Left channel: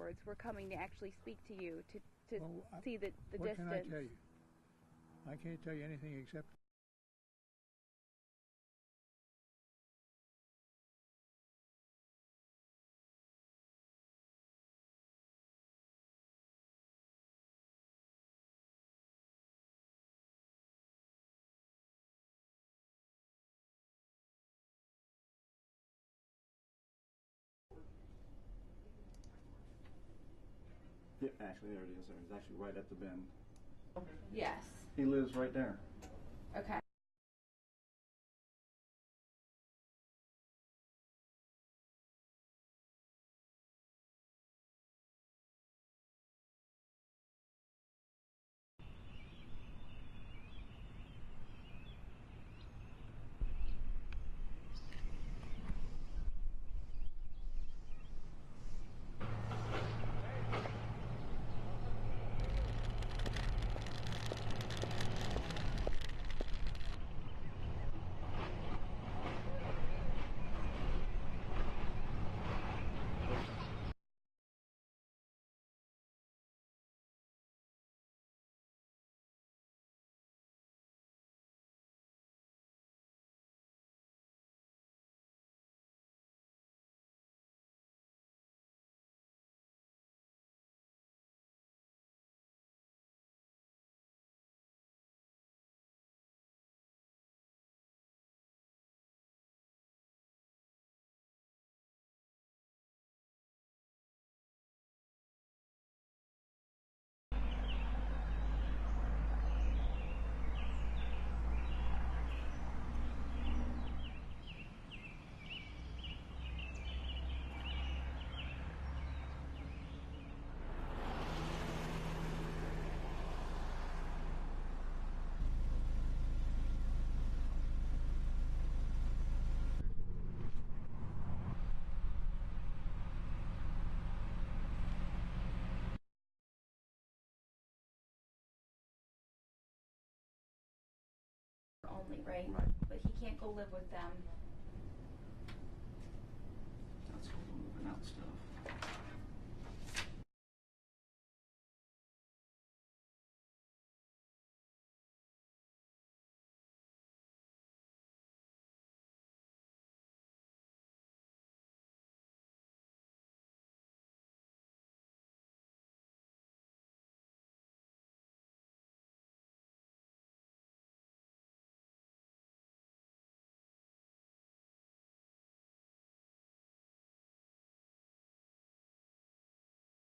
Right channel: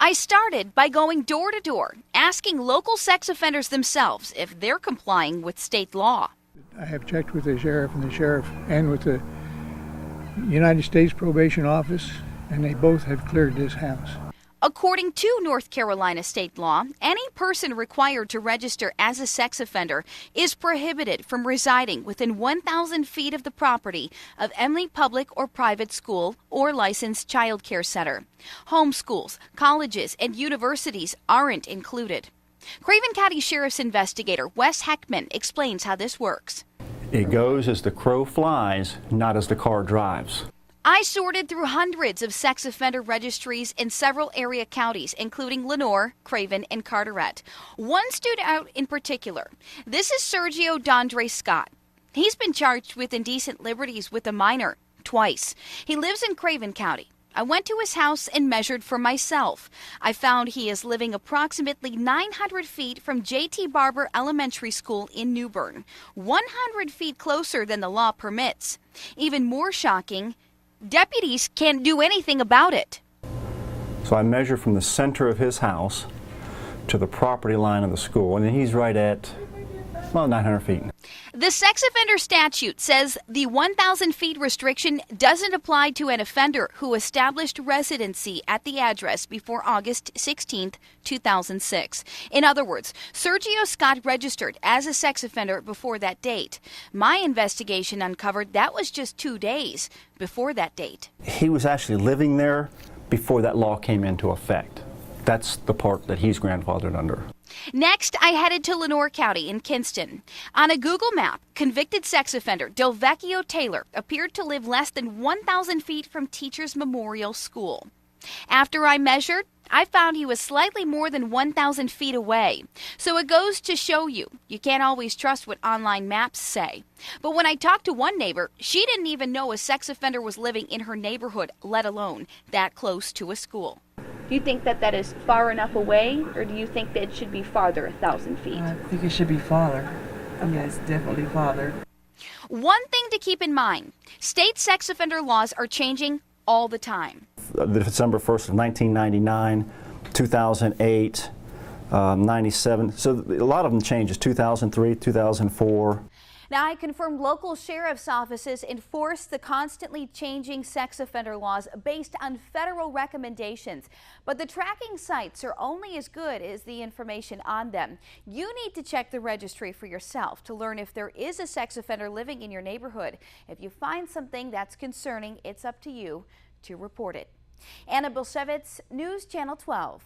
I started by going door to door, asking local sex offenders themselves if they're complying with state law. I have checked with the sheriff and with the United States Probation Office, and they both have cleared this house. According to North Carolina state law, any person required to register as a sex offender is prohibited from residing within 1,000 feet of the property of any public or private school or licensed child care center. Homeschools, colleges, and universities aren't included. Craven County Sheriff's investigator Wes Heckman explains how this works. It goes as the crow flies, not as the car drives. I sorted through hundreds of sex offender registries in several area counties, including Lenoir, Craven, and Carteret. One stood out in particular. This is Sergio Dondre Scott. He's been charged with indecent liberties with a minor twice. He lives in Craven County. I went to his house and measured for myself. I found he is living approximately 900 feet from J.T. Barber Elementary School in New Bern, 100 feet closer than the law permits. Even more shocking, deputies can't do anything about it. So I measure from the center of his house to the property line of the school, and he's right at, well, 900 feet. The sex offender statute says the 1,000 feet restriction doesn't apply to an offender who established residency at the address before August 16, 2006. In other words, Sergio Scott registered as a sex offender before that date. My investigation uncovered that was just 2 days before that date. He was actually living there before that law came into effect. That's the part that he's grandfathered under. Next, I headed to Lenoir County in Kinston. On a Google map, convicted sex offender Delvecchio Taylor appeared to live less than 1,000 feet from Teachers Memorial School. After I measured, I found he was slightly more than 1,000 feet away. So it goes to show you can't always trust what online maps say. But when I talked to one neighbor, she didn't even know a sex offender was living in her neighborhood, let alone that close to a school. Do you think that that is far enough away, or do you think that it should be farther, 1,000 feet? I think it should be farther. Yes, definitely farther. One thing to keep in mind, state sex offender laws are changing all the time. December 1st of 1999, 2008, 97. So a lot of them changes, 2003, 2004. Now, I confirmed local sheriff's offices enforce the constantly changing sex offender laws based on federal recommendations. But the tracking sites are only as good as the information on them. You need to check the registry for yourself to learn if there is a sex offender living in your neighborhood. If you find something that's concerning, it's up to you to report it. Anna Bulszewicz, News Channel 12.